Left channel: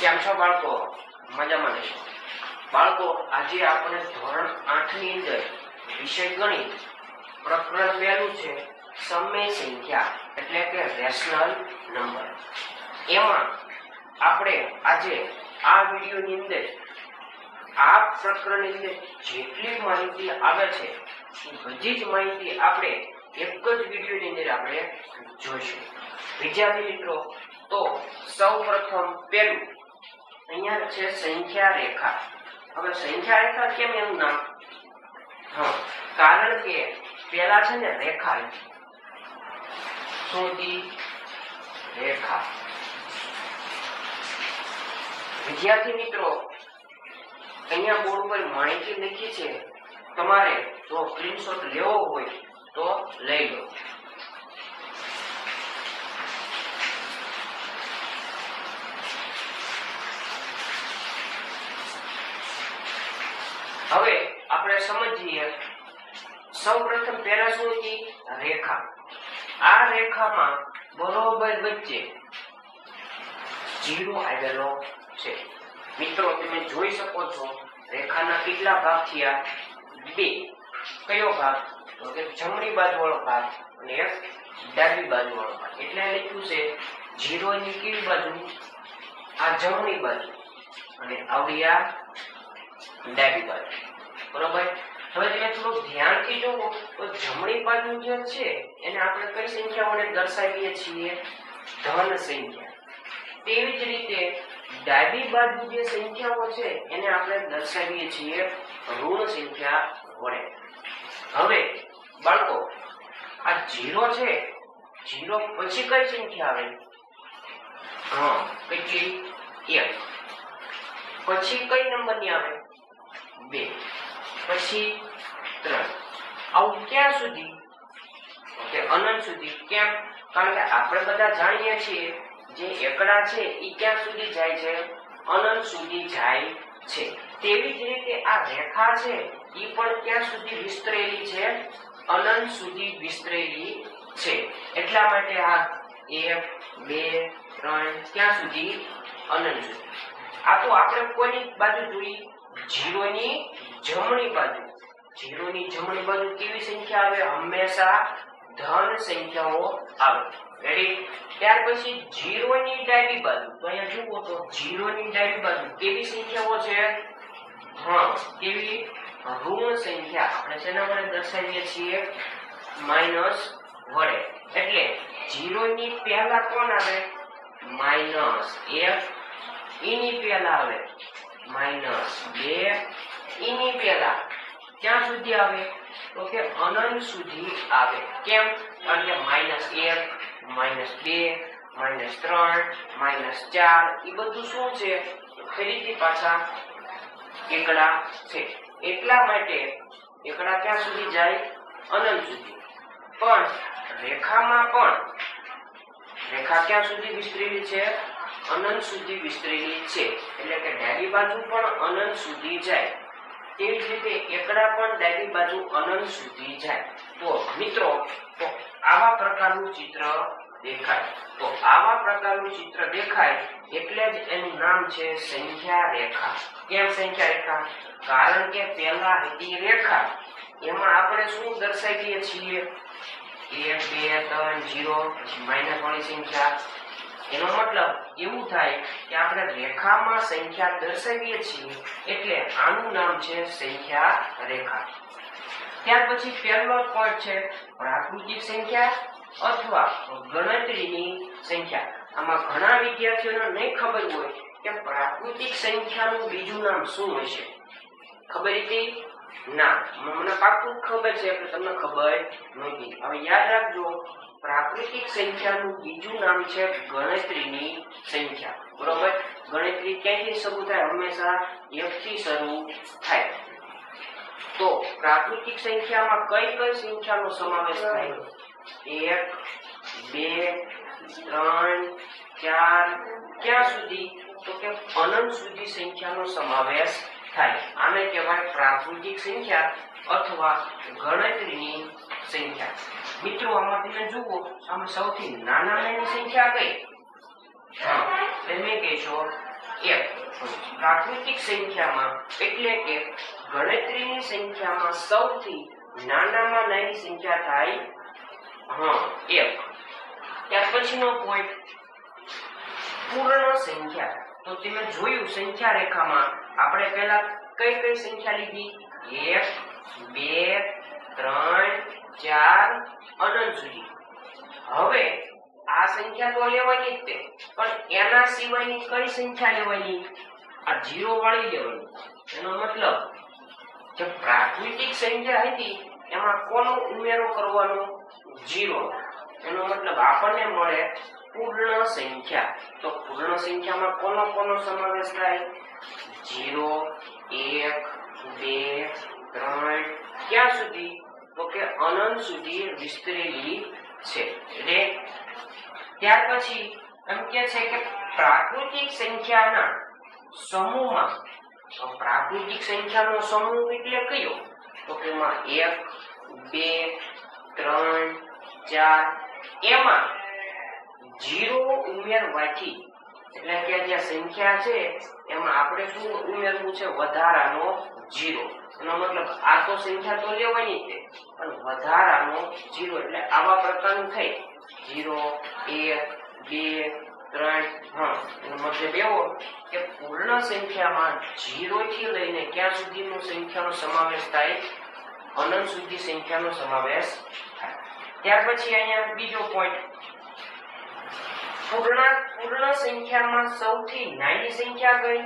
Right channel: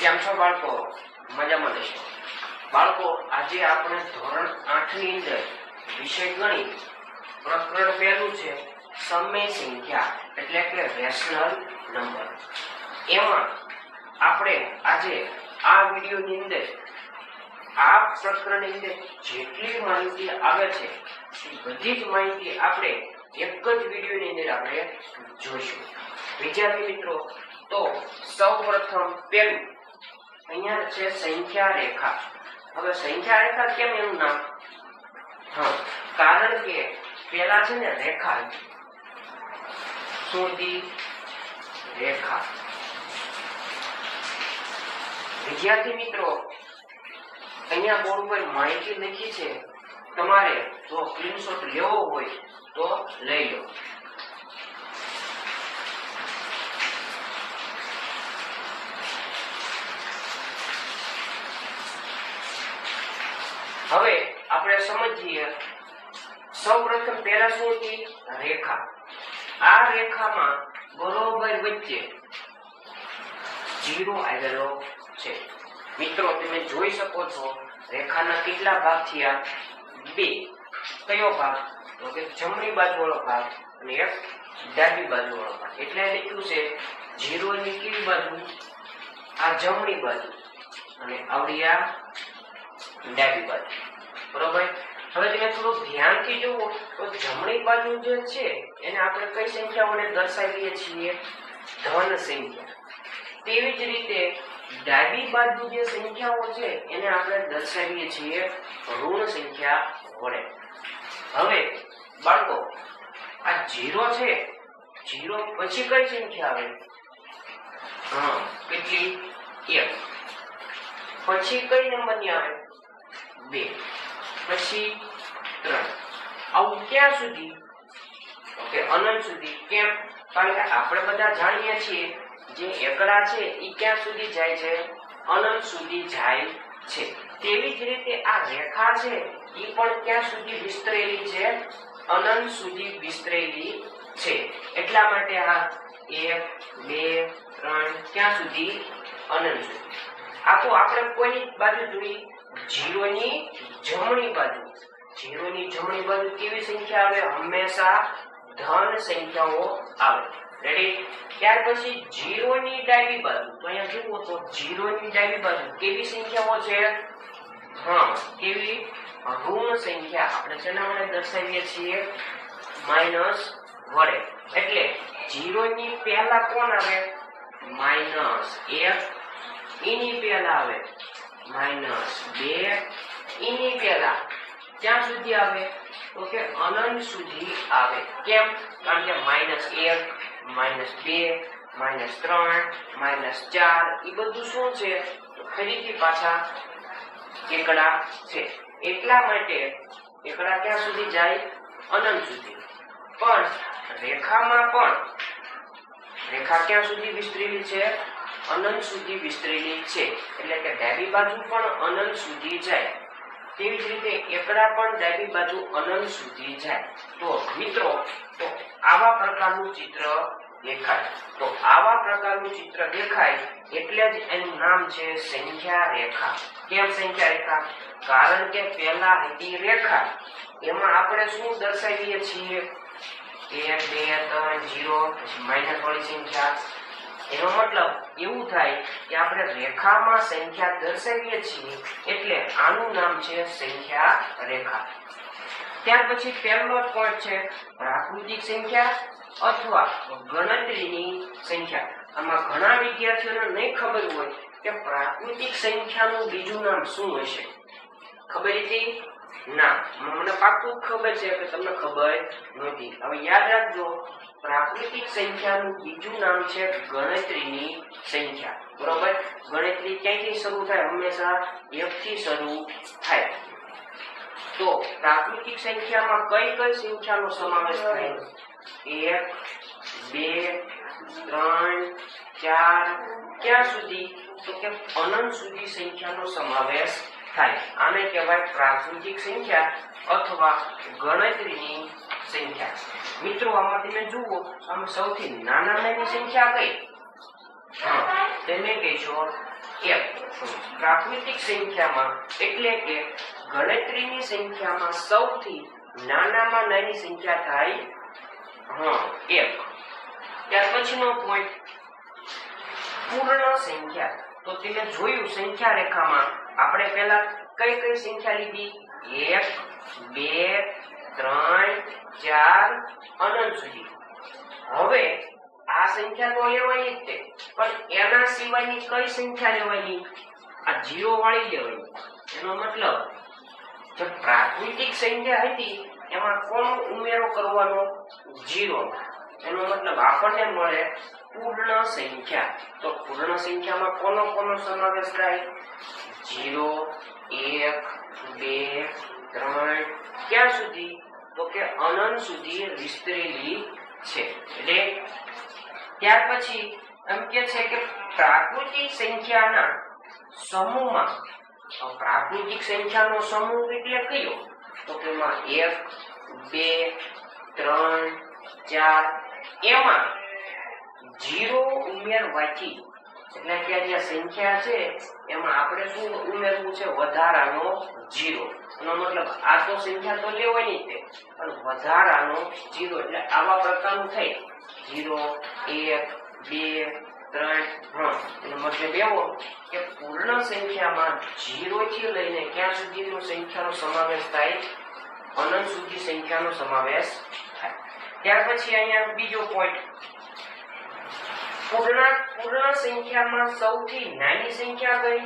કેમ છો બાળકો? મજામાં રહેશો? બાળકો, આજે આપણે ધોરણ 8 ની અંદર વિષય ગણિત પ્રકરણ પહેલું છે સમય સંખ્યા એટલે કે રેશનલ નંબર. એમાં આપણે આજે આ વિડિયોની અંદર આ પ્રકરણની અંદર જેટલી માહિતી આવે છે એ બધી જ માહિતી આપણે એક જ વિડિયોની અંદર આપણે જોઈશું. વિદ્યાર્થી મિત્રો, તો સૌપ્રથમ પહેલું અહીંયા છે સંખ્યા રેખા. હવે સંખ્યા રેખા કેમ એનું નામ? કારણ કે પેલા છે ને રેખા, સીધી રેખા. વિદ્યાર્થી મિત્રો, અહીંયા બોર્ડ પર માહિતી લખી છે, તમારે જો સ્ક્રીનશોટ લેવો હોય તો લઈ લો. હવે આપણે સમજીએ. સૌપ્રથમ પહેલા શું હતી? રેખા. આ રેખામાં બરોબર વચ્ચે 0 આવેલો છે. મિત્રો, તમે જોઈ શકો છો રેખાના કેટલા ભાગ થયા? 2. કયો ભાગ? તો કે જમણી બાજુ વાળો ભાગ અને એક ડાબી બાજુ વાળો ભાગ. એટલે લખ્યું છે 0 ની કઈ બાજુ? આ જમણી બાજુ અને આવડી આ ડાબી બાજુ. બરોબર? હવે તમે થોડું ધ્યાનથી જુઓ તો જમણી બાજુ જે છે એને આપણે કઈ સંખ્યા વડે દર્શાવીએ છીએ? ધન સંખ્યા. તેવી જ રીતે ડાબી બાજુ જે સંખ્યાઓ છે એને આપણે દર્શાવીએ છીએ ઋણ સંખ્યા વડે. હવે બાળકો, આ 0 છે, 0 પછી કઈ સંખ્યા આવે? કેટલી? 1. પછી કઈ નંબરની આવે? 2. પછી 3. આવું ક્યાં સુધી? ઓકે, અનંત સુધી. કેમ? કારણ કે આપણે બધા જાણીએ છીએ જે એકડા છે એ ક્યાં સુધી જાય છે? અનંત સુધી જાય છે. તેવી જ રીતે આ રેખા છે એ પણ ક્યાં સુધી વિસ્તરેલી છે? અનંત સુધી વિસ્તરેલી છે. એટલા માટે આ 1 2 3 ક્યાં સુધી? અનંત સુધી. આ તો આપણે કોઈની બાજુ જોઈ? 0 ની જમણી બાજુ. 0 ની જમણી બાજુ કેવી સંખ્યા આવે? હંમેશા ધન સંખ્યાઓ આવે. રેડી? ત્યાર પછી 0 ની ડાબી બાજુ. તો અહીંયા જુઓ તો 0 ની ડાબી બાજુ કેવી સંખ્યાઓ છે? કેવી? ઋણ સંખ્યા. આપણે શેના વડે દર્શાવીએ છીએ? માઈનસ વડે. એટલે 0 ની પહેલા કોણ આવે? -1. એની પહેલા આવે -2. એની પહેલા ક્યાં સુધી આવે? તો કે અનંત સુધી આવે. કેમ? કારણ કે -1 -2 -3 -4 એ બધું શું છે? ફરીથી પાછા એકડા છે. એટલા માટે એકડા ક્યાં સુધી જાય? અનંત સુધી. પણ રેખામાં પણ રેખા ક્યાં સુધી વિસ્તરેલી છે? અનંત સુધી વિસ્તરેલી છે. એટલે કે ડાબી બાજુ પણ અનંત સુધી જાય. તેવી જ રીતે એકડા પણ ડાબી બાજુ અનંત સુધી જાય. તો મિત્રો, તો આવા પ્રકારનું ચિત્ર દેખાય. તો આવા પ્રકારનું ચિત્ર દેખાય એટલે જ એનું નામ છે સંખ્યા રેખા. કેમ સંખ્યા રેખા? કારણ કે પહેલા હતી રેખા, એમાં આપણે શું દર્શાવીએ છીએ? 1 2 3 0 પછી માઈનસ વાળી સંખ્યા. એનો મતલબ એવું થાય કે આપણે રેખામાં સંખ્યા દર્શાવીએ છીએ એટલે આનું નામ છે સંખ્યા રેખા. ત્યાર પછી પહેલો પોઈન્ટ છે પ્રાકૃતિક સંખ્યા અથવા ગણતરીની સંખ્યા. આમાં ઘણા વિદ્યાર્થીઓને નહીં ખબર હોય કે પ્રાકૃતિક સંખ્યાનું બીજું નામ શું હશે. ખબર હતી? ના, મને પાક્કું ખબર છે કે તમને ખબર નહોતી. હવે યાદ રાખજો, પ્રાકૃતિક સંખ્યાનું બીજું નામ છે ગણતરીની સંખ્યા. બરોબર? ગણતરી ક્યાંથી શરૂ થાય? હંમેશા 1 થી શરૂ થાય. તો પ્રાકૃતિક સંખ્યામાં કઈ કઈ સંખ્યાનો સમાવેશ થાય? 1 2 3 4 ક્યાં સુધી? તો કે અનંત સુધી સંખ્યાનો સમાવેશ થાય. આને કહેવાય પ્રાકૃતિક સંખ્યા અથવા ગણતરીની સંખ્યા. મિત્રો, આમાં તમે જુઓ, આમાં સૌથી નાનામાં સંખ્યા કઈ? તેને કહેશો એક. પ્રાકૃતિક સંખ્યામાં એટલે કે ગણતરીની સંખ્યામાં સૌથી નાનામાં નાની સંખ્યા થાય એક. ત્યાર પછીનો પોઈન્ટ પૂર્ણ સંખ્યા. તો તમે જોયું સંખ્યા રેખામાં આપણે પહેલા કઈ કઈ સંખ્યા લીધી? 1 2 3 4 અનંત સુધી. હવે આ સંખ્યા તો લેવાની જ છે, પણ એના સિવાયની કઈ સંખ્યા લેવાની? આ 0 વાળી લેવાની. એનો મતલબ જે પ્રાકૃતિક સંખ્યા હતી એમાં કોનો ઉમેરો કરવાનો? 0. એનો મતલબ આપણને મળે પૂર્ણ સંખ્યા. તો પૂર્ણ સંખ્યામાં કોનો સમાવેશ થાય? 0 1 2 3 ક્યાં સુધી? તો કે અનંત સુધી વિસ્તરેલી છે. એટલે ત્યાર પછી એમ કે છે કે પ્રાકૃતિક સંખ્યાના સમૂહમાં, પ્રાકૃતિક સંખ્યાનો સમૂહ એટલે કયો? તો કે એમાં 1 2 3 4 એમાં 0 ઉમેરવાથી, એટલે કે જે સંખ્યા છે એમાં આપણે શું ઉમેરવું છે? વધારાનો 0. એનો મતલબ આ તો સંખ્યા તો લેવાની છે, પણ વધારાનો 0. એટલે આવા પ્રકારનું થાય 0 1 2 3. એનો મતલબ એવો કે પૂર્ણ સંખ્યામાં 0 થી લઈને ક્યાં સુધીનો સંખ્યાનો સમાવેશ થાય? અનંત સુધી સંખ્યાનો સમાવેશ થાય. ત્યાર પછી અહીંયા બીજો પોઈન્ટ, પૂર્ણ સંખ્યામાં સૌથી નાની સંખ્યા કઈ?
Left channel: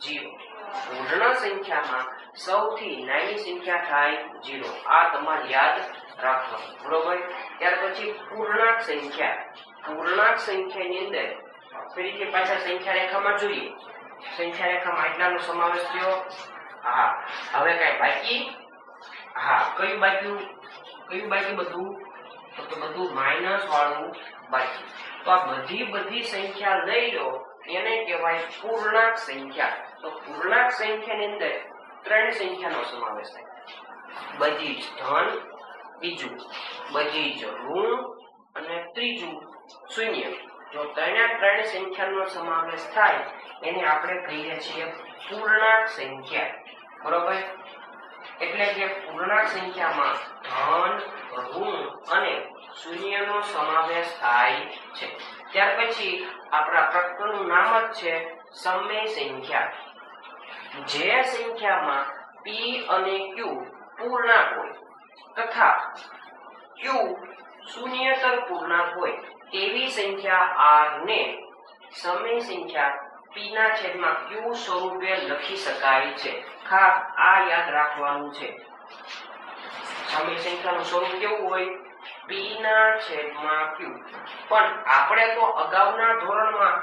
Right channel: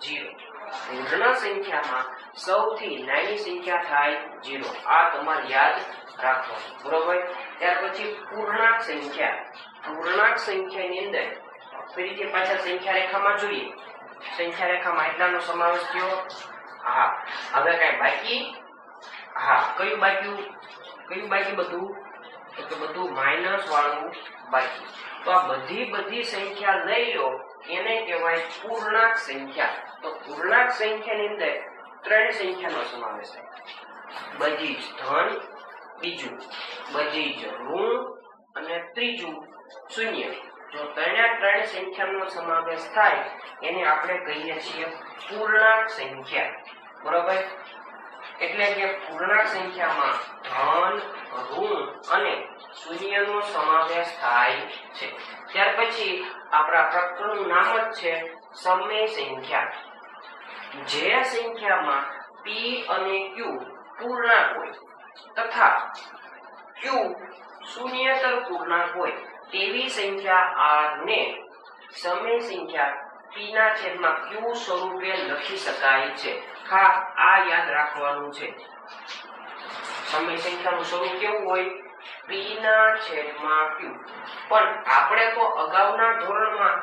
0. પૂર્ણ સંખ્યામાં સૌથી નાની સંખ્યા થાય 0. આ તમારે યાદ રાખવાનું, બરોબર? ત્યાર પછી પૂર્ણાંક સંખ્યા. પૂર્ણાંક સંખ્યાની અંદર ફરીથી પાછા સંખ્યા રેખામાં જોઈએ. સંખ્યા રેખામાં એટલાનો સમાવેશ થયો. હવે કઈ બાકી? કયું બાકી? બધું તો કે બધું માઈનસ વાળું બાકી. તો આ બધી સંખ્યા લઈ લો, એને કહેવાય પૂર્ણાંક સંખ્યા. તો પૂર્ણાંક સંખ્યાની અંદર 3 સંખ્યાનો સમાવેશ થાય. બધી જ ધન, બીજું બધી જ ઋણ અને ત્રીજું શૂન્ય. જો 3 સંખ્યાનો સમાવેશ થાય એને આપણે કહીએ છીએ પૂર્ણાંક સંખ્યા, બરોબર? એટલે કે પૂર્ણાંક સંખ્યામાં ધન, ઋણ અને શૂન્યનો સમાવેશ થાય છે. ત્યાર પછી આપણા પ્રકરણનું નામ જ છે સમય સંખ્યા. જે સંખ્યામાં p અને q પૂર્ણાંક હોય તથા q શૂન્યતર પૂર્ણાંક હોય તેવી સંખ્યા r ને સમય સંખ્યા p ના છેદમાં q સ્વરૂપે લખી શકાય છે. આ યાદ રાખવાનું છે. સમય સંખ્યાનું સ્વરૂપ કેવું હોય? p ના છેદમાં q. પણ આપણે તો અગાઉના ધોરણમાં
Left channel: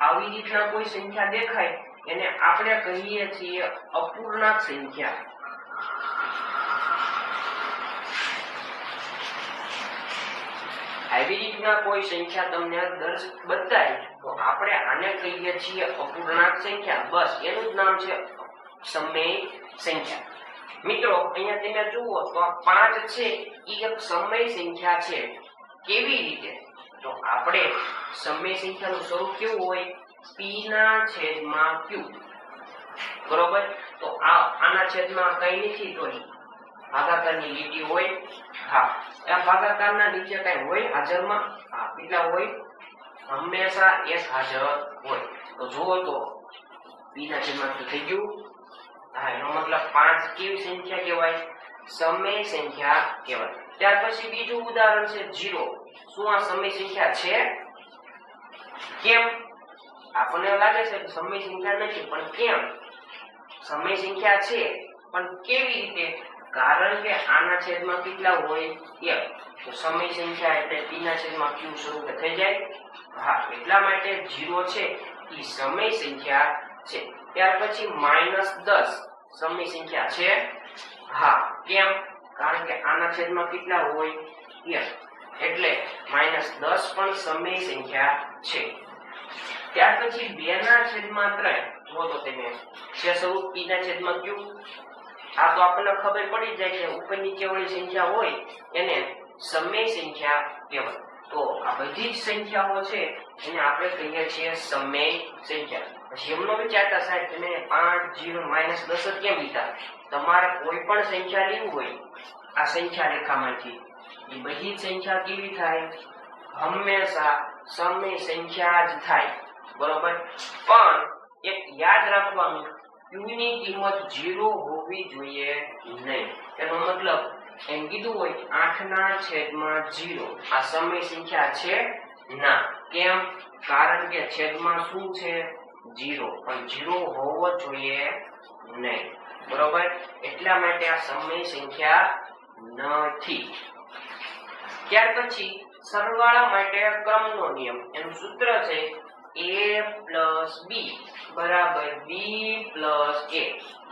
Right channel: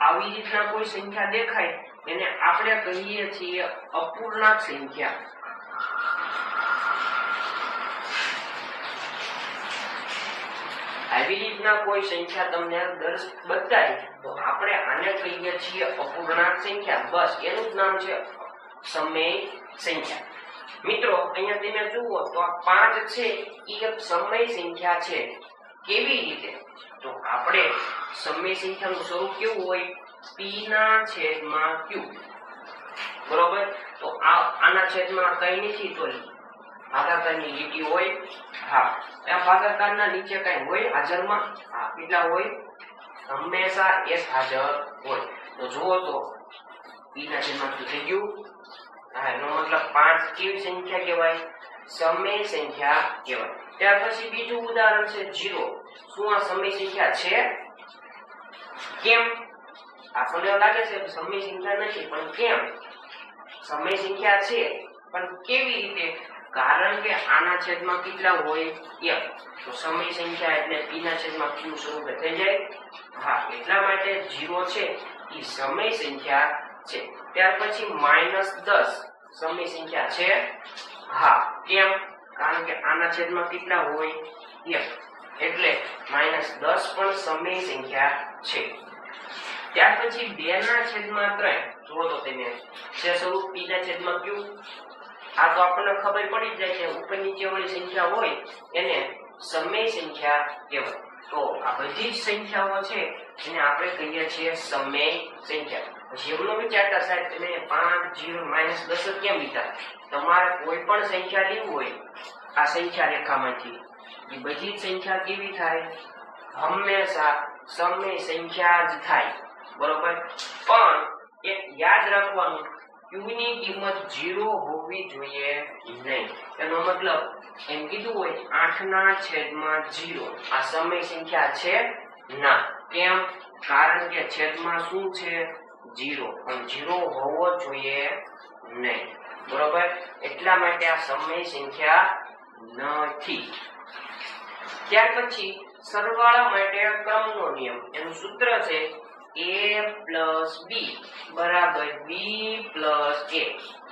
આવી રીતના કોઈ સંખ્યા દેખાય એને આપણે કહીએ છીએ અપૂર્ણાંક સંખ્યા. આવી રીતના કોઈ સંખ્યા તમને બતાય તો આપણે આને કહીએ છીએ અપૂર્ણાંક સંખ્યા. બસ એનું જ નામ છે સમય સંખ્યા. મિત્રો અહીંયા તમે જુઓ તો આ 5 છે એ એક સમય સંખ્યા છે. કેવી રીતે? તો આપણે સમય સંખ્યાનું સ્વરૂપ કેવું હોય? p ના છેદમાં q, બરોબર? તો આના છેદમાં કઈ નથી, તો ભાગાકારની લીટી હોય. આ ભાગાકારના નીચે કઈ હોય હાજરમાં? કેટલા હોય? હંમેશા 1 હાજર હોય. તો જુઓ તો p ના છેદમાં q થઈ ગયું. એનો મતલબ 5 કેવી સંખ્યા કહેવાય? સમય સંખ્યા કહેવાય. ત્યાર પછી બીજું ઉદાહરણ છે 0. શું આ સમય સંખ્યા છે? કેમ? આપણને એવું લાગે છે કે સમય સંખ્યા નથી, પણ કેમ? સમય સંખ્યા છે, પણ કેવી રીતે? કારણ કે આના છેદમાં કેટલા હોય? 1. તો સમય સંખ્યા એટલે p ના છેદમાં q સ્વરૂપે થઈ જાય. એટલા માટે 0 છે એ સમય સંખ્યા છે. ત્યાર પછી -10 સમય સંખ્યા છે. કેમ? કારણ કે આના છેદમાં કેટલા હોય? 1. એટલે -10 પણ સમય સંખ્યા છે. ત્યાર પછી 2 ના છેદમાં 3. જુઓ તો તમે છે સ્વરૂપ p ના છેદમાં q. આ તો આપણને ખબર પડી જાય છે ઉપર નીચે વાળી સંખ્યા હોય એને સમય સંખ્યા કહેવાય. તો આ બધી જ સંખ્યાઓ છે એને આપણે કહીએ છીએ સમય સંખ્યા. પછી એમનો વિચારતા સાહેબ તમે 5 0 -10 કેમ લીધા? તમારે કોઈ પણ સંખ્યા લેવું હોય આ સંખ્યા રેખામાંથી એ બધી જ સંખ્યા કેવી થાય? હંમેશા સમય સંખ્યા જ થાય, બરોબર. પણ એક યાદ રાખવાનું, q ની કિંમત 0 હોવી જોઈએ નહીં. એનો મતલબ એમ કીધું હોય 8/0 આ સમય સંખ્યા છે ના. કેમ? કારણ કે છેદમાં શું છે? 0, પણ 0 હોવો જોઈએ નહીં, બરોબર. એટલા માટે આ સમય સંખ્યા નથી. ત્યાર પછી સરવાળા માટે ક્રમનો નિયમ, એનું સૂત્ર છે a + b = b + a,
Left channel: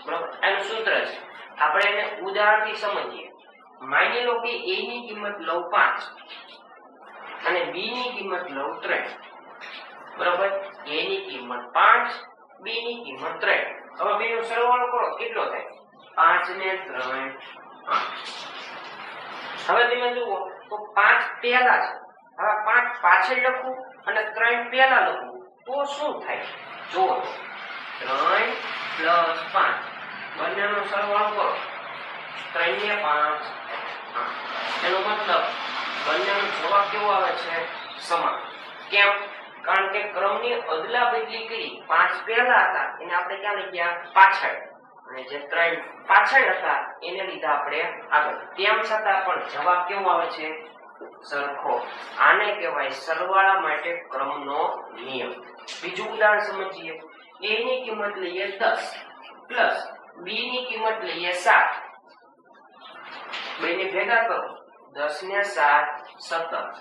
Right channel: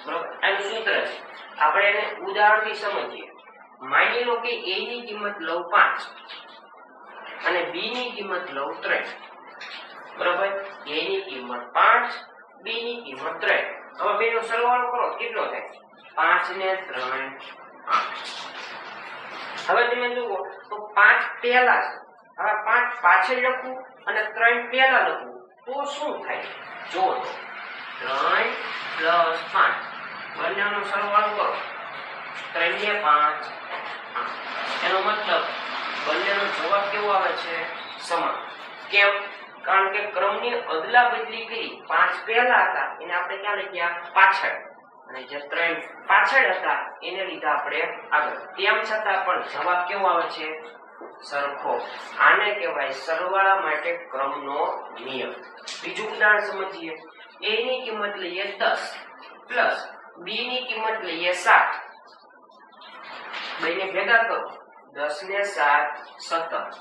બરોબર. એનું સૂત્ર છે. આપણે એને ઉદાહરણથી સમજીએ. માની લો કે a ની કિંમત લઉં 5 અને b ની કિંમત લઉં 3, બરોબર. a ની કિંમત 5, b ની કિંમત 3. હવે બેનો સરવાળો કરો, કેટલો થાય? 5 ને 3 8. હવે તમે જુઓ તો 5 પહેલા છે, હવે 5 પાછળ લખું અને 3 પહેલા લખું તો શું થાય? જો 3 + 5 બંનેનો સરવાળો કરો, 3 ને 5 8. એનો મતલબ બંનેનો જવાબ કેવો આવે છે? સમાન. કેમ? કારણ કે ક્રમની અદલા બદલી કરી. 5 પહેલા હતા એને આપણે ક્યાં લઈ ગયા? પાછળ. અને જે 3 પાછળ હતા એને લીધા આપણે આગળ. તેમ છતાં પણ જવાબ કેવો આવે છે? સરખો. આને કહેવાય સરવાળા માટે ક્રમનો નિયમ. બીજું ઉદાહરણ સમજીએ. a ની કિંમત લઈએ 10 પ્લસ b ની કિંમત લઈએ 7. બંને ભેગા કરો, 10 ને 7 17.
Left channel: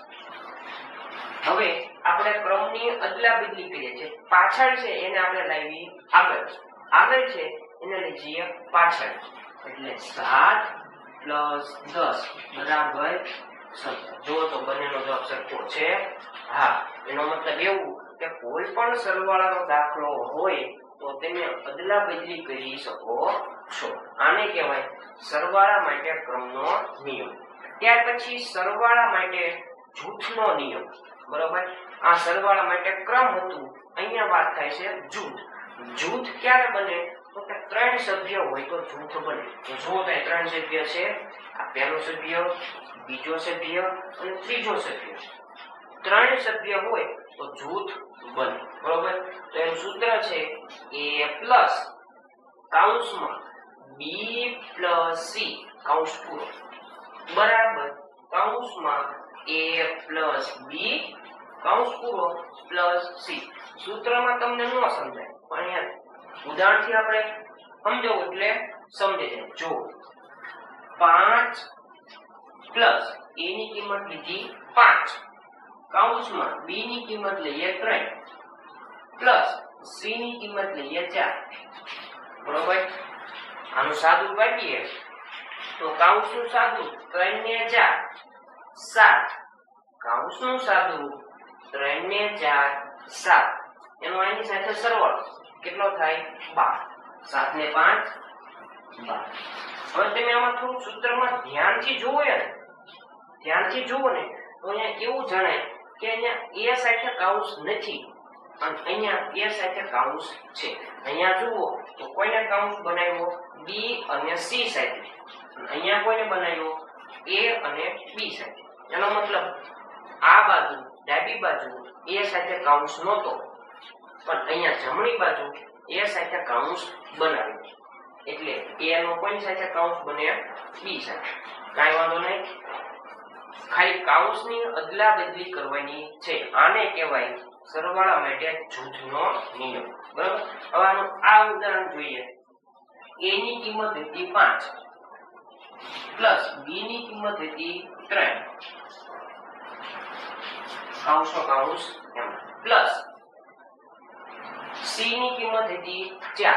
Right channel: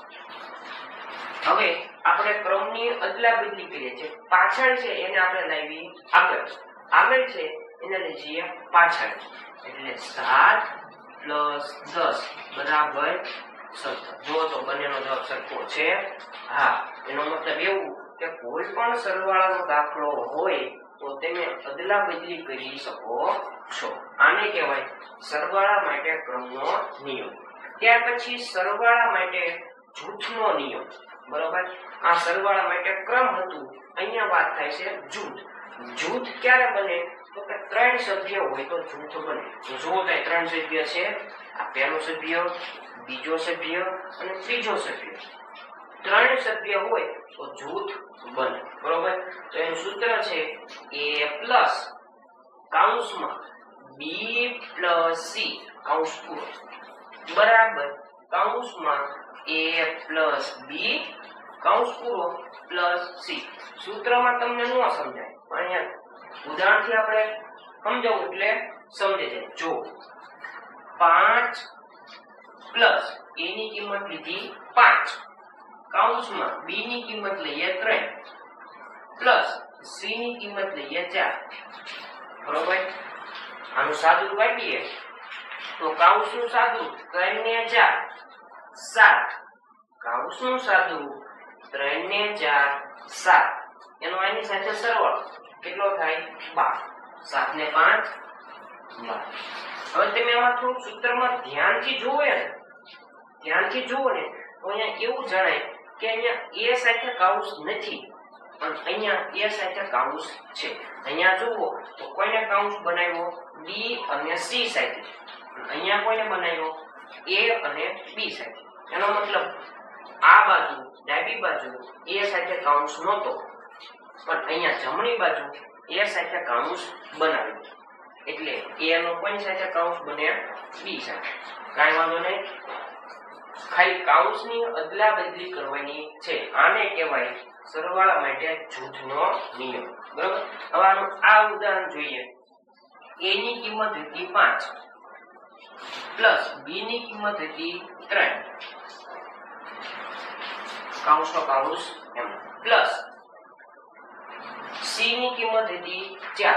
હવે આપણે ક્રમની અદલા બદલી કરીએ છીએ. પાછળ છે એને આપણે લાવી આગળ, આગળ છે એને લઈ જઈએ પાછળ. એટલે 7 + 10 = 17. જો તો બંનેનો જવાબ સરખો છે. હા, એનો મતલબ એવું કે કોઈ પણ સરવાળાનો દાખલો હોય તો તમે અદલા બદલી કરી શકો છો. આને કહેવાય સરવાળા માટે ક્રમનો નિયમ. ત્યાર પછી સરવાળા માટે જૂથનો નિયમ, બરોબર. આ સરવાળા માટે ક્રમ હતું, અહીંયા વાત થાય છે જૂથ. જૂથ ક્યારે બને? તો કે 3 સભ્ય હોય તો જૂથ બને. જુઓ તો 3 સભ્ય છે. આ પહેલો સભ્ય, બીજો સભ્ય અને ત્રીજો સભ્ય. 3 સભ્ય હોય તો જૂથ બને, બરોબર. તો એનું સૂત્ર છે a કૌંસમાં b + c કૌંસ પૂરો બરાબર કૌંસમાં a + b કૌંસ પૂરો + c. સૂત્રમાં તમને ન સમજાય પણ અહીંયા ઉદાહરણથી આપણે સમજાવું એટલે સમજી જાય. જો 5 પ્લસ a ની કિંમત લીધી 5 કૌંસમાં b ની કિંમત લઈએ 3 પ્લસ c ની કિંમત લઈએ 4, બરોબર. આનું સાદું કાઢીએ તો કૌંસનું સાદું 3 ને 4 7, કૌંસનું સાદું 3 ને 4 7. એનો આની સાથે સરવાળો કેટલો થાય? 12. 7 ને 5 12. હવે તમે આમાં થોડું સૂત્રમાં ધ્યાનથી જુઓ ને, ધ્યાનથી જુઓ ને તો અહીંયા એવું જણાય કે અહીંયા a સાથે કૌંસ નથી અને અહીંયા a સાથે કૌંસ છે. અહીંયા જુઓ તો કોઈને કૌંસ બનાવ્યો b અને c સાથે, અહીંયા કોઈને બનાવ્યો a અને b સાથે. એનો મતલબ આ બાજુ ડાબી બાજુ a સાથે કૌંસ નહોતો પણ અહીંયા જમણી બાજુ a સાથે કૌંસ બનાવ્યો. એટલે a નો કોની સાથે કૌંસ બને? b સાથે. કાઈ વાંધો નહીં, ખાલી કૌંસની અદલા બદલી કરવાની છે. આને કહેવાય સરવાળા માટે જૂથનો નિયમ, બરાબર. હવે આનું આ ઉદાહરણ જોઈએ. a ની કિંમત હતી 5 પ્લસ b ની કિંમત હતી 3 કૌંસનો કૌંસ એમ પ્લસ c ની કિંમત હતી 4.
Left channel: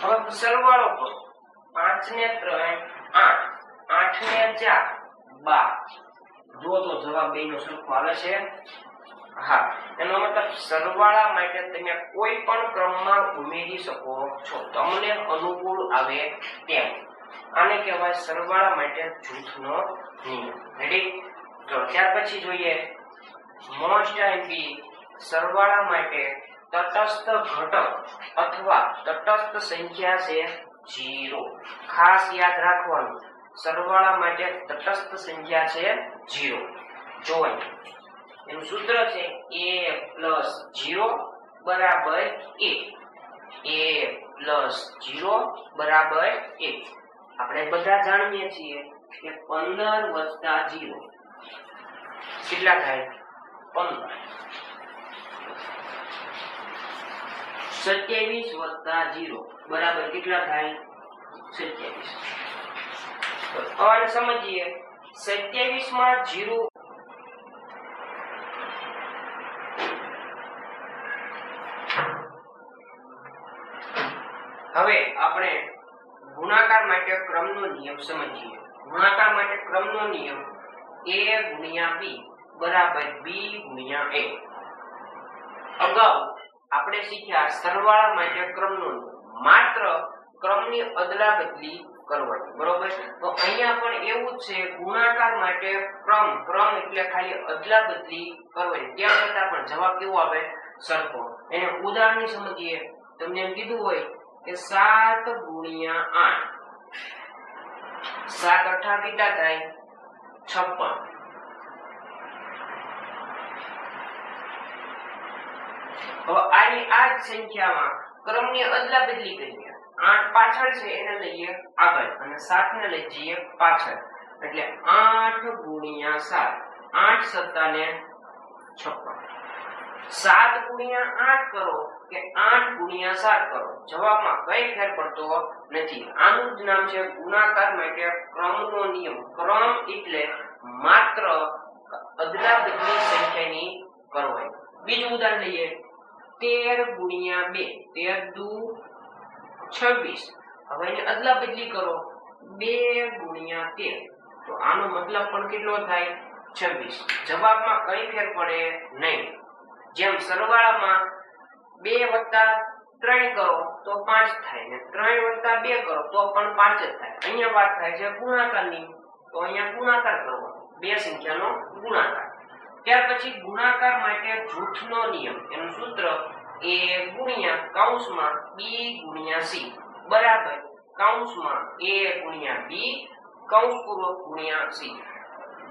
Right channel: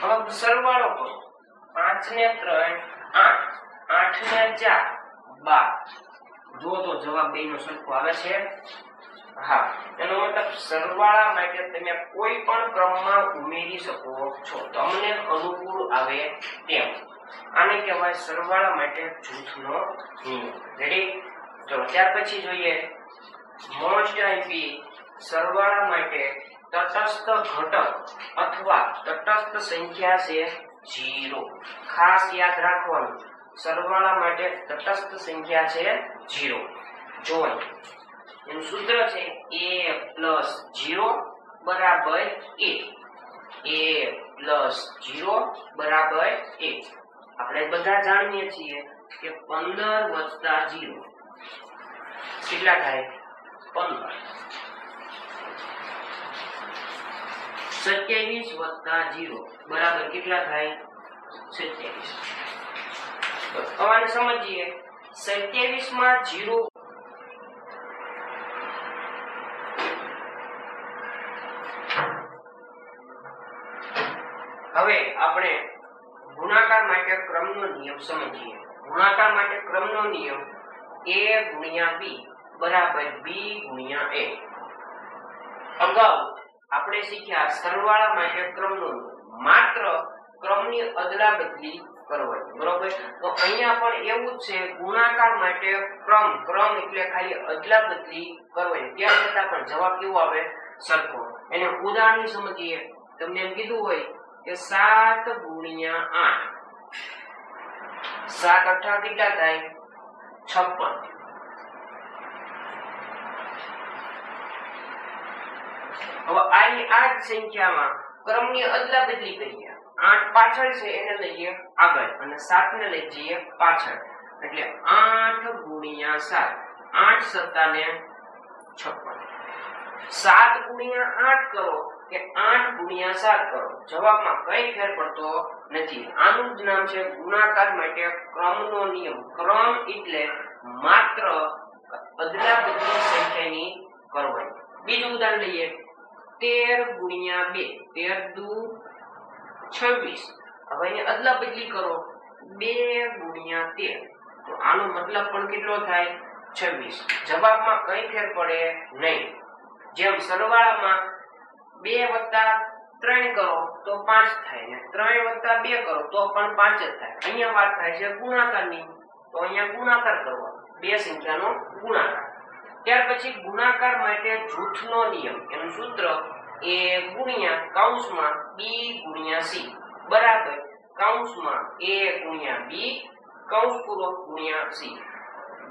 હવે સરવાળો કરો. 5 ને 3 8, 8 ને 4 12. જો તો જવાબ બેનો સરખો આવે છે. હા, એનો મતલબ સરવાળા માટે તમે કોઈ પણ ક્રમમાં ઉમેરી શકો છો, તમને અનુકૂળ આવે તેમ. આને કહેવાય સરવાળા માટે જૂથનો નિયમ. રેડી? ચલો ત્યાર પછી જોઈએ મોસ્ટ આઈપી સરવાળા માટે તટસ્થ ઘટક અથવા તટસ્થ સંખ્યા છે 0. ખાસ યાદ રાખવાનું સરવાળા માટે તટસ્થ સંખ્યા છે 0. જોવાનું એનું સૂત્ર છે a + 0 બરાબર 1. a + 0 બરાબર 1. આપણે બધા જાણીએ છીએ કે 15 + 0 કેટલા થાય? 15. 27 + 0 બરાબર કેટલા થાય? 27. તો આને સમજીએ. 27 માં 0 હવે આપણે ગુણાકાર માટે ક્રમનો નિયમ સમજીએ. ગુણાકાર માટે ક્રમનો નિયમ a × b બરાબર b × a. અગાઉ આપણે શીખ્યા સરવાળા માટે ક્રમનો નિયમ, માત્ર ક્રમની અદલાબદલી કરવાની, બરોબર? તો અહીંયા પણ એવું જ છે, ગુણાકાર માટે ક્રમ એટલે ખાલી અદલાબદલી કરવાની, ત્યાં છતાં પણ જવાબ કેવો આવે? સરખો. એને ઉદાહરણથી સમજીએ. તમને એમ કીધું હોય કે 7 × 8 7 8 કેટલા થાય? 56. હવે આ જ સંખ્યામાં ક્રમની અદલાબદલી કરીએ. 8 પાછળ છે એને લઈએ આગળ અને 7 ને લઈ જઈએ પાછળ, એટલે 8 × 7 8 સત્તા ને 56. 7 × 8 કરો કે 8 × 7 કરો, જવાબમાં કઈ ફેર પડતો નથી. આનું જ નામ છે ગુણાકાર માટે ક્રમનો નિયમ. ક્રમ એટલે માત્ર અદલાબદલી સંખ્યાની કરવાની. બીજું ઉદાહરણ લઈએ. 13 × 2 13 દુ 26. હવે એની અદલાબદલી કરો 2 × 13, તો આનો મતલબ પણ કેટલો થાય? 26. જવાબમાં કઈ ફેર પડે નહીં. જેમ સરવાળામાં 2 + 3 કરો તો 5 થાય ને 3 + 2 કરો તો પણ 5 જ થાય. અહીંયા વાત થાય છે ગુણાકારની, તો અહીંયા ગુણાકાર કરવાનો, બે સંખ્યાનો ગુણાકાર. ત્યાર પછી ગુણાકાર માટે જૂથનો નિયમ. એનું સૂત્ર a × b × c બરાબર a × b × c.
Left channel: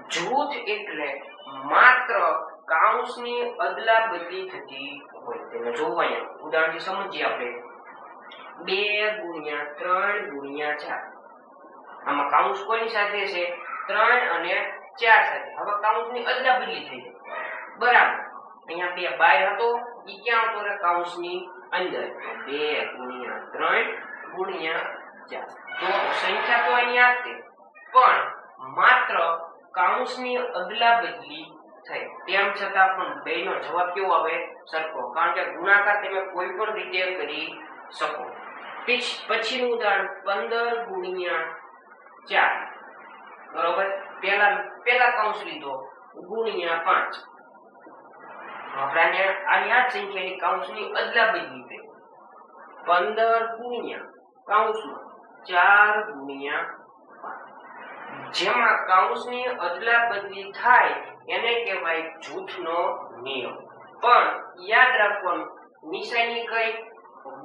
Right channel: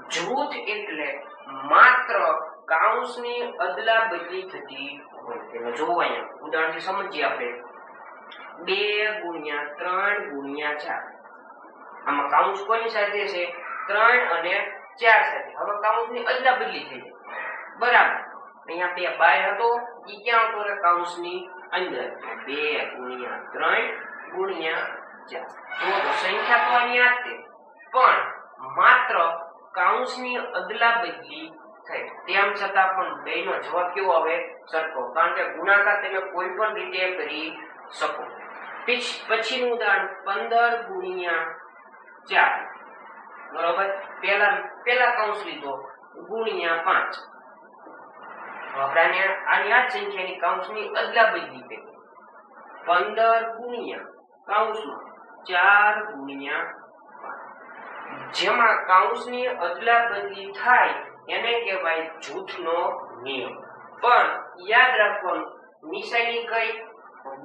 જૂથ એટલે માત્ર કાઉન્સની અદલાબદલી થતી હોય. તેને જોવો અહીંયા ઉદાહરણથી સમજીએ આપણે. 2 × 3 × 4. આમાં કાઉન્સ કોની સાથે છે? 3 અને 4 સાથે. હવે કાઉન્સની અદલાબદલી થઈ જાય, બરાબર? અહીંયા 2 બહાર હતો, ઈ ક્યાં હતો? રે કાઉન્સની અંદર. 2 × 3 × 4. તો સંખ્યા તો અહીં આ છે, પણ માત્ર કાઉન્સની અદલાબદલી થઈ. તેમ છતાં પણ બેનો જવાબ કેવો આવે? સરખો. કારણ કે ગુણાકાર તમે કોઈ પણ રીતે કરી શકો. પછીનું ઉદાહરણ 15 × 4 બરોબર. પહેલા કૌંસ લીધો ×5. આપણે આની આ સંખ્યાની કૌંસની અદલાબદલી કરી. 15 × 4 × 5. જેમાં કૌંસની અદલાબદલી થાય એને કહેવાય જૂથનો નિયમ. પણ યાદ રાખવાનું નિશાની કઈ?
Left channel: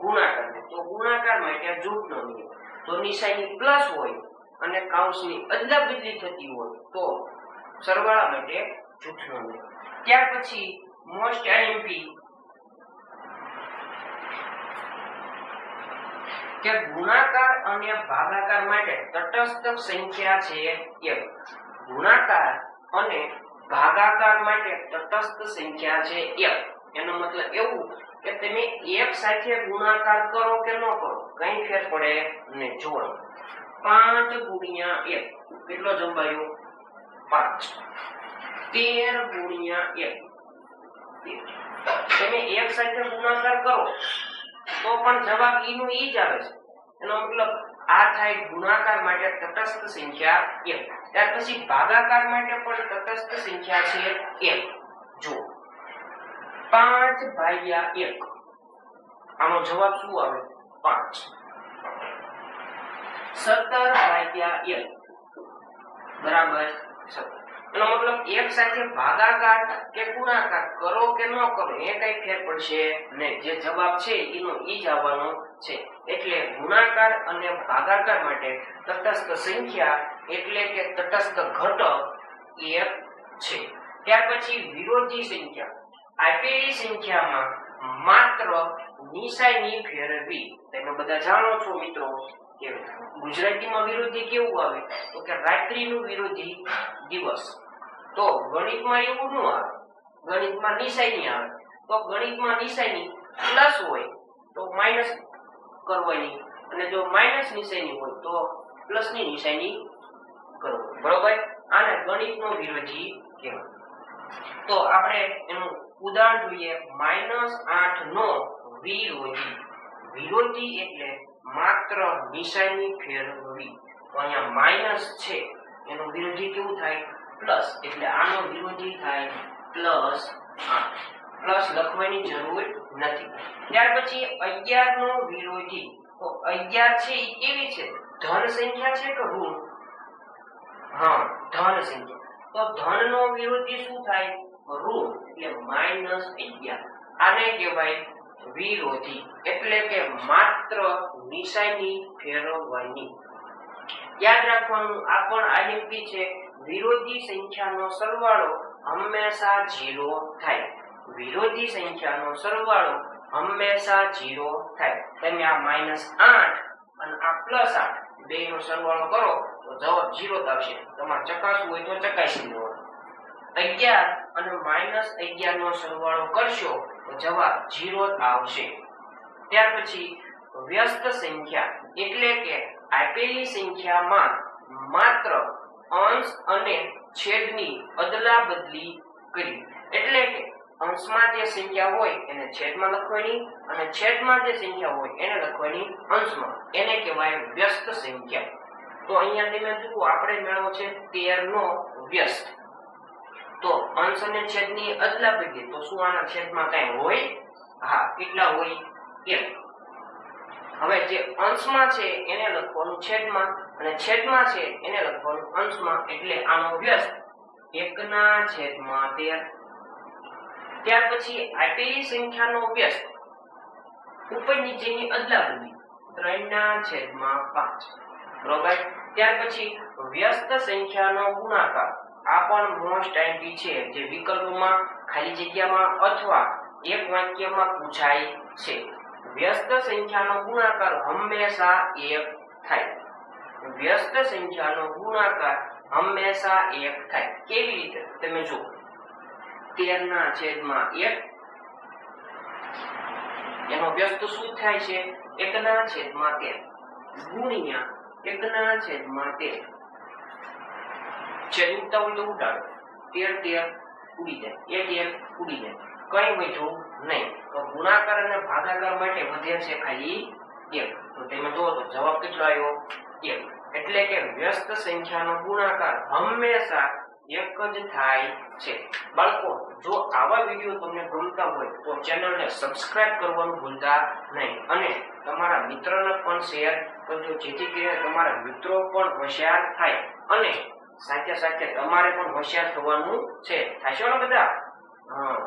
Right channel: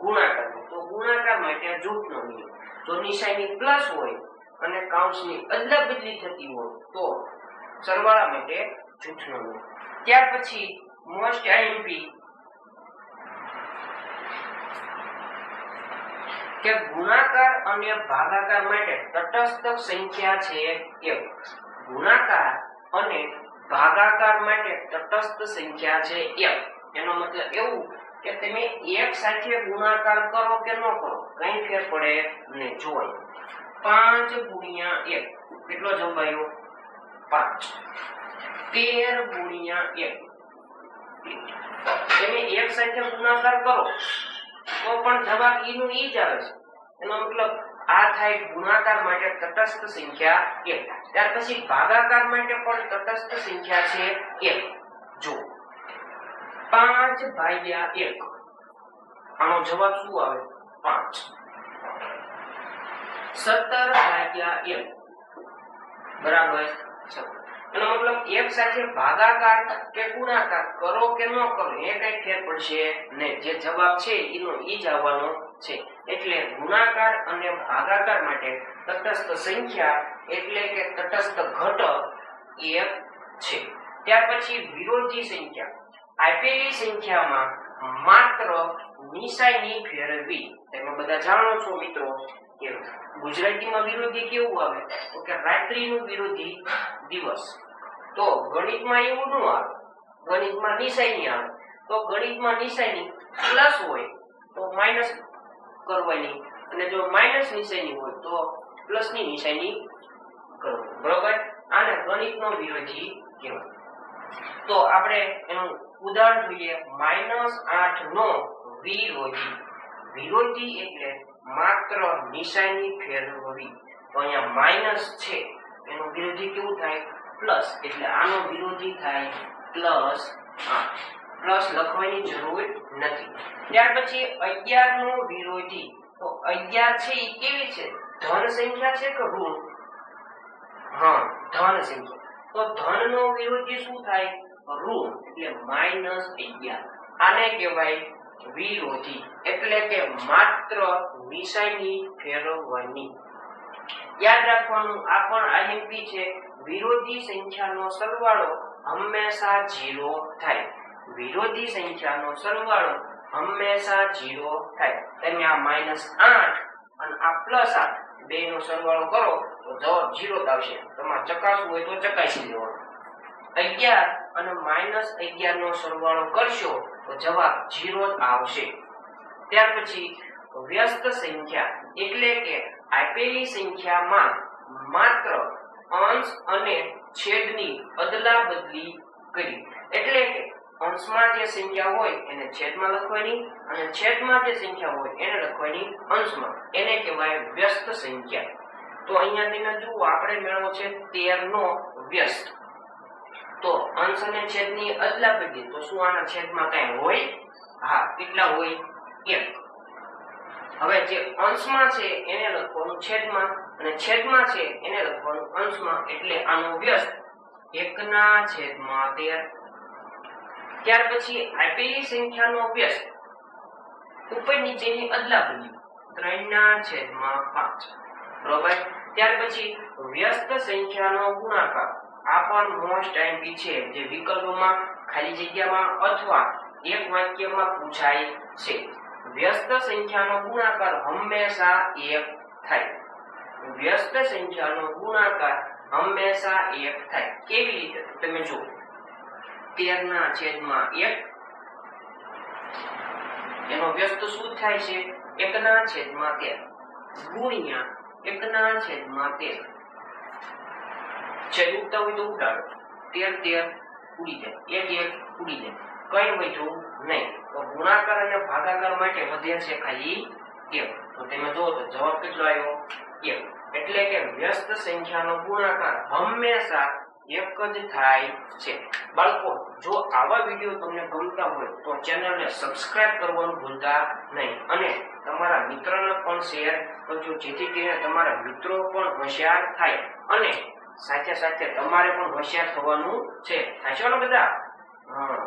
ગુણાકાર. તો ગુણાકાર માટે જૂથનો નિયમ. તો નિશાની પ્લસ હોય અને કૌંસની અદલાબદલી થતી હોય તો સરવાળા માટે જૂથનો નિયમ. ત્યાર પછી મોસ્ટ આઈએમપી કે ગુણાકાર અને ભાગાકાર માટે તટસ્થ સંખ્યા છે 1. ગુણાકાર અને ભાગાકાર માટે તટસ્થ સંખ્યા છે 1. એનો મતલબ એવું કે તમે એક સાથે ગુણાકાર કરો કે ન કરો કઈ ફેર પડે નહીં. જોઈ 5 × 1 કેટલો જવાબ આવ્યો? 5. 13 × 1 તમે એક સાથે ગુણાકાર કરો તો પણ જવાબ ઈ નું ઈ જ આવે છે. એનો મતલબ આ થાય ગુણાકાર માટે તટસ્થ સંખ્યા 1. ત્યાર પછી ભાગાકાર માટે પણ તટસ્થ સંખ્યા છે 1. જો 5/1 આનો જવાબ શું આવે? 5. 17/1 બરાબર 17. એનો મતલબ એક સાથે ભાગાકાર કે ગુણાકાર કરો કે ન કરો એ કઈ ફેર પડશે નહીં. જે જવાબ છે એનો ઈ જ આવવાનો છે. એટલે ગુણાકાર અને ભાગાકાર માટે તટસ્થ સંખ્યા એટલે કે તટસ્થ ઘટક 1 છે. ત્યાર પછી વિરોધી સંખ્યા. આપેલી સંખ્યામાં માત્ર નિશાની ફેરવી. તમે બધા જાણો છો મિત્રો કે ગુજરાતીમાં વિરોધી કેવું આવે તો કે રાત્રિનું વિરોધી દિવસ. તો ગણિતમાં એવું ન આવે, ગણિતમાં નિશાની આવે. તો ગણિતમાં નિશાની પ્લસ હોય તો માઈનસ કરવાની, અને જો માઈનસ નિશાની હોય તો પ્લસ ની નિશાની કરવાની. બરોબર? આને ગણિતનો વિરોધી કહેવાય. તો આપણે એનું ઉદાહરણ જોઈએ. -8 નો વિરોધી. વિરોધી એટલે માત્ર નિશાની ફેરવવી. તો અહીંયા માઈનસ છે એનું વિરોધી કેવું થાય? પ્લસ. એટલે આનો વિરોધી થાય +8. પ્લસ લખવાની જરૂર નથી. ત્યાર પછી 11 નો વિરોધી. તો 11 છે એ કેવી છે? ધન સંખ્યા છે કે ઋણ? હા, ધન સંખ્યા. તો ધન નો વિરોધી શું થાય? ઋણ. એટલે -11. આને કહેવાય વિરોધી. એટલે કે માત્ર નિશાની ફેરવવાની. યાદ રાખવાનું, આ પણ આઈએમપી છે. વિરોધી સંખ્યાનો સરવાળો હંમેશા 0 થાય. વિરોધી સંખ્યાનો સરવાળો હંમેશા 0 થાય. તમે આ -8 અને આ +8 બેનો સરવાળો કરો તો જવાબ 0 જ આવશે. તમારે ચકાસવું હોય તો ચકાસી લેવાનું. 11 અને -11 નો સરવાળો કરશો તો જવાબ 0 જ આવશે. ત્યાર પછી વ્યસ્ત સંખ્યા એટલે કે આપેલી સંખ્યામાં માત્ર અંશ અને છેદની અદલાબદલી કરી. એટલે કે અંશમાં જે સંખ્યા હોય એને છેદમાં લખવાની, અને છેદમાં જે સંખ્યા હોય એને લખવાની અંશમાં. એને કહેવાય વ્યસ્ત સંખ્યા. તો અહીંયા તમે જુઓ, આપણે મેળવો છે 13 નો વ્યસ્ત. તો અંશ અને છેદની અદલાબદલી. તો શું આના છેદમાં કઈ હોય? હા, કેટલા હોય? 1. હવે જે અંશમાં છે એને લખવાનું છેદમાં, અને છેદમાં છે એને લખવાનું અંશમાં. એટલે આનો વ્યસ્ત 1/13. ત્યાર પછી આપેલી સંખ્યાનો વ્યસ્ત ઉપર નીચેની અદલાબદલી 3/5. બરોબર? ત્યાર પછી વ્યસ્ત સંખ્યાનો ગુણાકાર. આ પણ મોસ્ટ આઈએમપી છે, જે વિકલ્પમાં, ખાલી જગ્યામાં અથવા એક વાક્યમાં પૂછાય છે. વ્યસ્ત સંખ્યાનો ગુણાકાર હંમેશા 1 થાય. વ્યસ્ત સંખ્યાનો ગુણાકાર હંમેશા 1 થાય. કેવી રીતે? તમે જુઓ, 13/1 એનો વ્યસ્ત શું થાય છે? 1/13 ગુણ્યા 1/13. છેદ ઉડતા હોય તો ઉડાડો. 13 ઉડી જાય, 1 ઉડી જાય, કઈ વધ્યું નહીં. તો ગુણાકાર અને ભાગાકાર માટે વધે છે ખાલી 1. તો તમે જુઓ તો જવાબ કેટલો આવ્યો? 1. એટલે કે વ્યસ્ત સંખ્યાનો ગુણાકાર હંમેશા 1 જ થાય છે. બાળકો, જો આવા વિડીયો તમને ગમતા હોય તો ચેનલને સબસ્ક્રાઇબ કરવાનું ભૂલતા નહીં, અને તમારા મિત્રોને પણ શેર કરજો, જેથી કરીને તમારા મિત્રો પણ હોશિયાર થાય, અને સાથે સાથે તમારે પણ હોશિયાર થવાનું છે. થશો ને બધા? હા.